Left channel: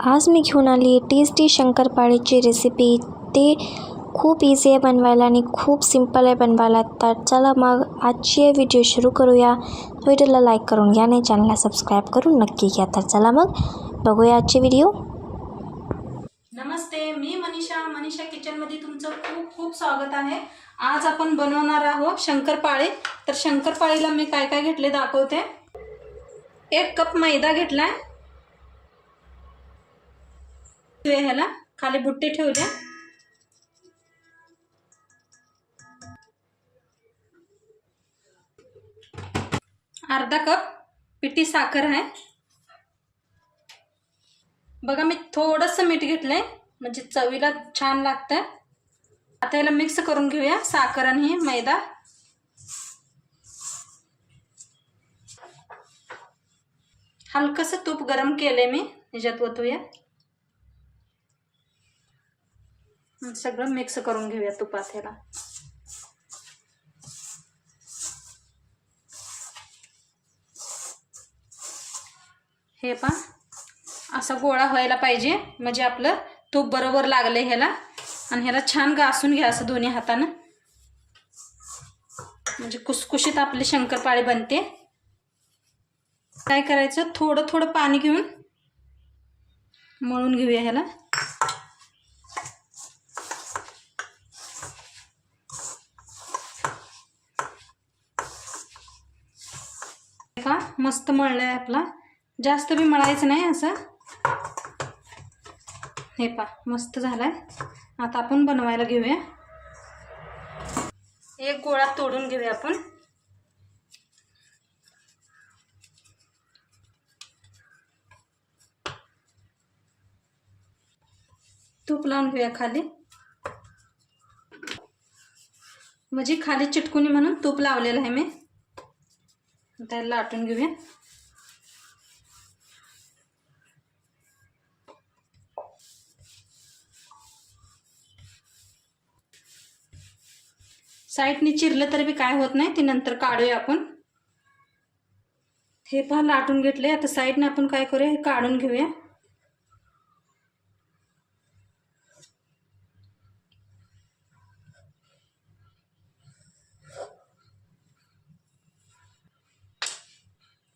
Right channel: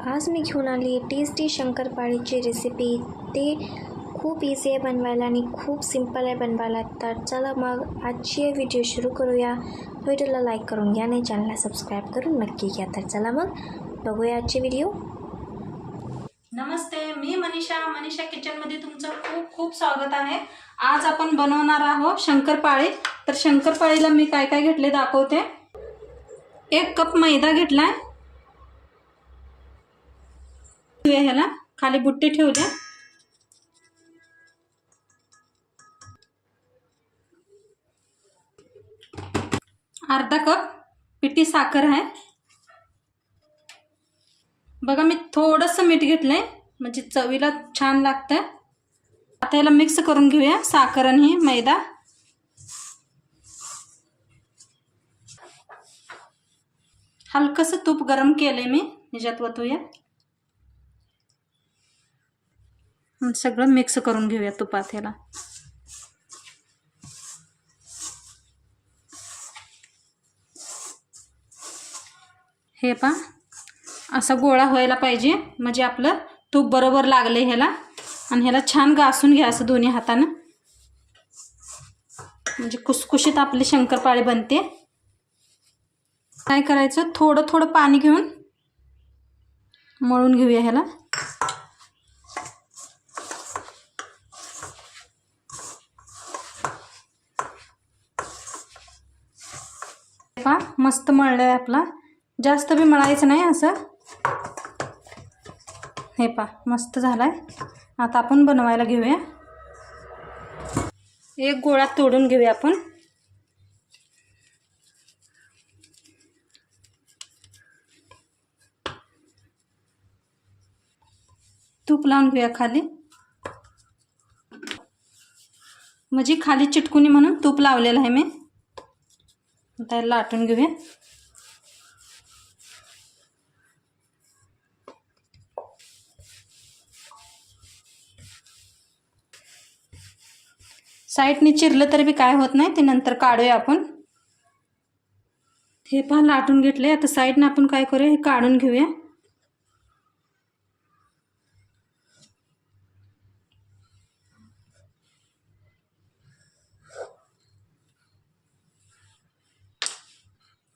आज मी घेऊन आली आहे टेस्टी शंकरपाळीची रेसिपी ते खूप इझी आहे बनवायला आणि खूप सिंपल आहे बनवायला. तर चला मग आजची व्हिडिओ सुरू करूया. व्हिडिओला लाईक करून घ्या आणि चॅनलला सबस्क्राईब करून नक्की घ्या. तर चला मग बघूया आजची व्हिडिओ नमस्ते मी मनीषा. मनीषा किचनमध्ये तुमचं खूप खूप स्वागत आहे. आज आपण बनवणार आहोत शंकरपाळे. तर शंकरपाळीला मी काय काय घेतले दाखवते. एक कप मैदा घेतला आहे ह्याला. खाली बुट्टे ठेवले. अर्धा कप पिठी साखर आहे. बघा मी थोडंसं मीठ घेतलंय. म्हणजे चवीला छान लागतं. आता याला मिक्स करून घेऊया. साखर आणि मैदा. हलकंसं तूप गरम केलंय मी. ह्याच्यात वतूया आणि सगळं मिक्स करून घेऊया तुपात ह्याला हे पा असा गोळा व्हायला पाहिजे. म्हणजे आपलं तूप बरोबर लागलं ह्याला. आणि ह्याला छान घासून घ्या असं दोन्ही हातानं. म्हणजे कुसकुशीत आपली शंकरपाळी बनते. काय करायचं? थोडं थोडं पाणी घेऊन मळून घेऊया ह्याला. मस्त मळलं आहे आपला. जास्त बी मळायचं नाही असं. हे पा मस्त झालाय. आता आपण बनवायला घेऊया. एक गोळा तोडून घेऊया आपण. तूप लावून घेऊया खाली. म्हणजे खाली चिटकुनी म्हणून तूप लावलेलं आहे मी. त्याला लाटून घेऊया. साईडने चिरलं तरी बी काय होत नाही ते नंतर काढूया आपण. हे पहा लाटून घेतले आता साईडनं आपण काय करूया हे काढून घेऊया.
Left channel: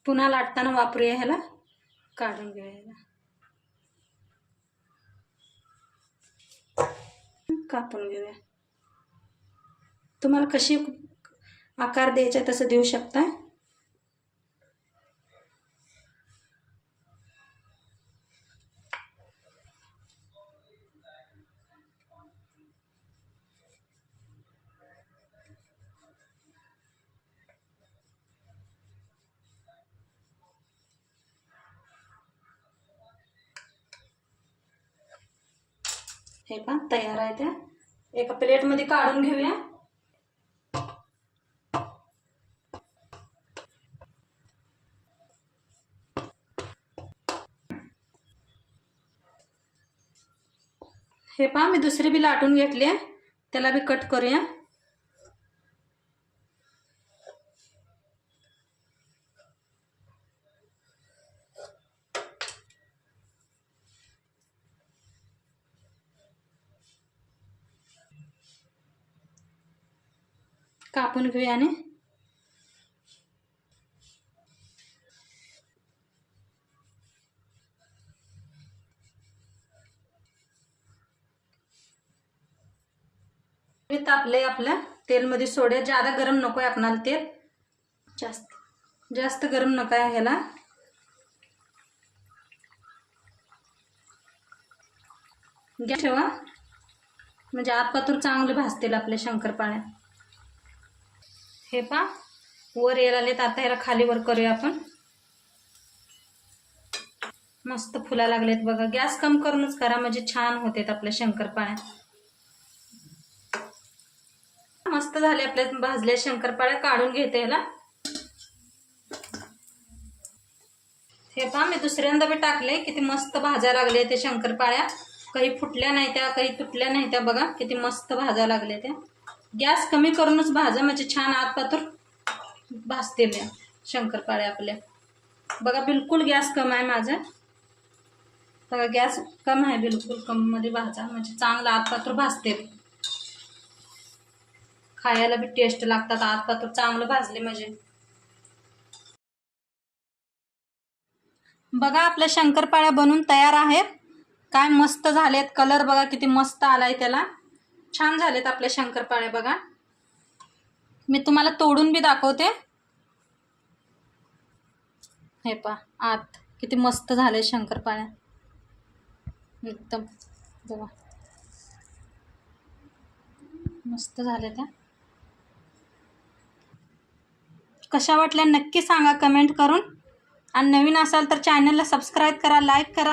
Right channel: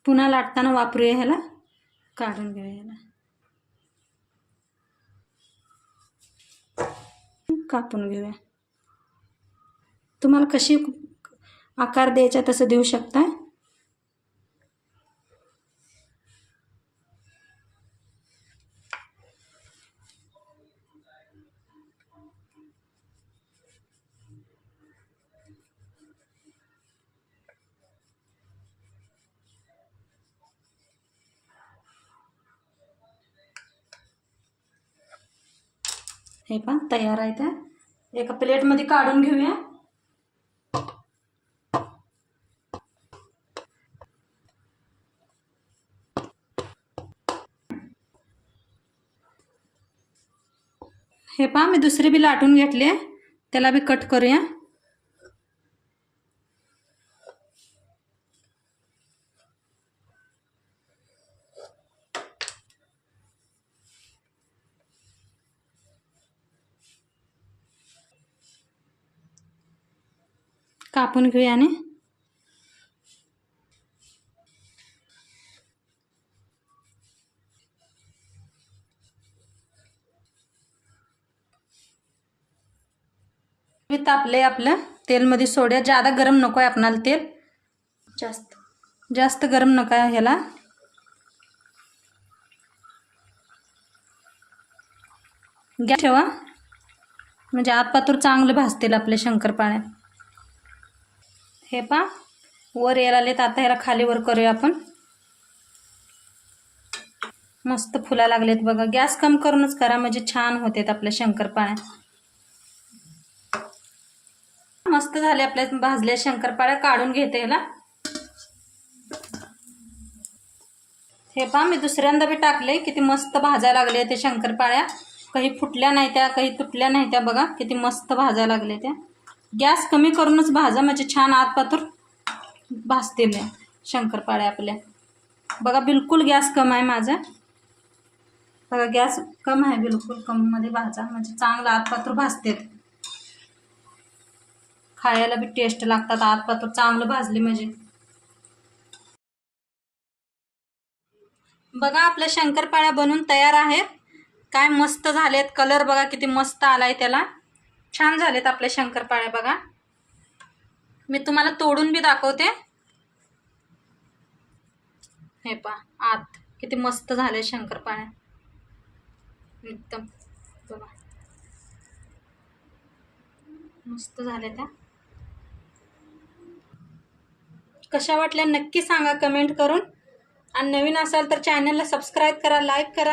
पुन्हा लाटताना वापरूया ह्याला. काढून घेऊया ह्याला. कापून घेऊया. तुम्हाला कशी आकार द्यायचा तसं देऊ शकता हे पण तयार आहे त्या. एका प्लेटमध्ये काढून घेऊया. हे पहा मी दुसरी बी लाटून घेतली त्याला बी कट करूया. कापून घेऊया आणि तापले आपलं. तेलमध्ये सोड्या. जादा गरम नको आहे आपणाला तेल. जास्त. जास्त गरम नको आहे ह्याला. गॅस ठेवा. म्हणजे आतपातूर चांगले भाजतील आपले शंकरपाळ्या. हे पा वर यायला आलेत आता ह्याला खाली वर करूया आपण. मस्त फुला लागलेत बघा. गॅस कम करूनच करा. म्हणजे छान होतेत आपल्या शंकरपाळ्या मस्त झाले आपल्या भाजल्या शंकरपाळ्या काढून घेते ह्याला. हे पहा मी दुसऱ्यांदा बी टाकले किती मस्त भाज्या लागले ते शंकरपाळ्या काही फुटल्या नाही त्या काही तुटल्या नाही त्या बघा. किती मस्त भाज्या लागल्या त्या गॅस कमी करूनच भाजा म्हणजे छान आतपातूर भाजतील शंकरपाळ्या आपल्या. बघा बिलकुल गॅस कम आहे माझा. बघा गॅस कम आहे बिलकुल कमीमध्ये भाजा म्हणजे चांगला आतपात्र भाजते. खायला बी टेस्ट लागतात आतपात्र चांगलं भाजले म्हणजे. बघा आपल्या शंकरपाळ्या बनून तयार आहेत. काय मस्त झालेत कलर बघा किती मस्त आलाय त्याला. छान झालेत आपल्या शंकरपाळ्या बघा. मी तुम्हाला तोडून बी दाखवते. हे पा आत किती मस्त झाले शंकरपाळ्या एकदम बघा. मस्त झाले त्या कशा वाटल्या नक्की सांगा कमेंट करून. आणि नवीन असाल तर चॅनलला सबस्क्राईब करा लाईक करा.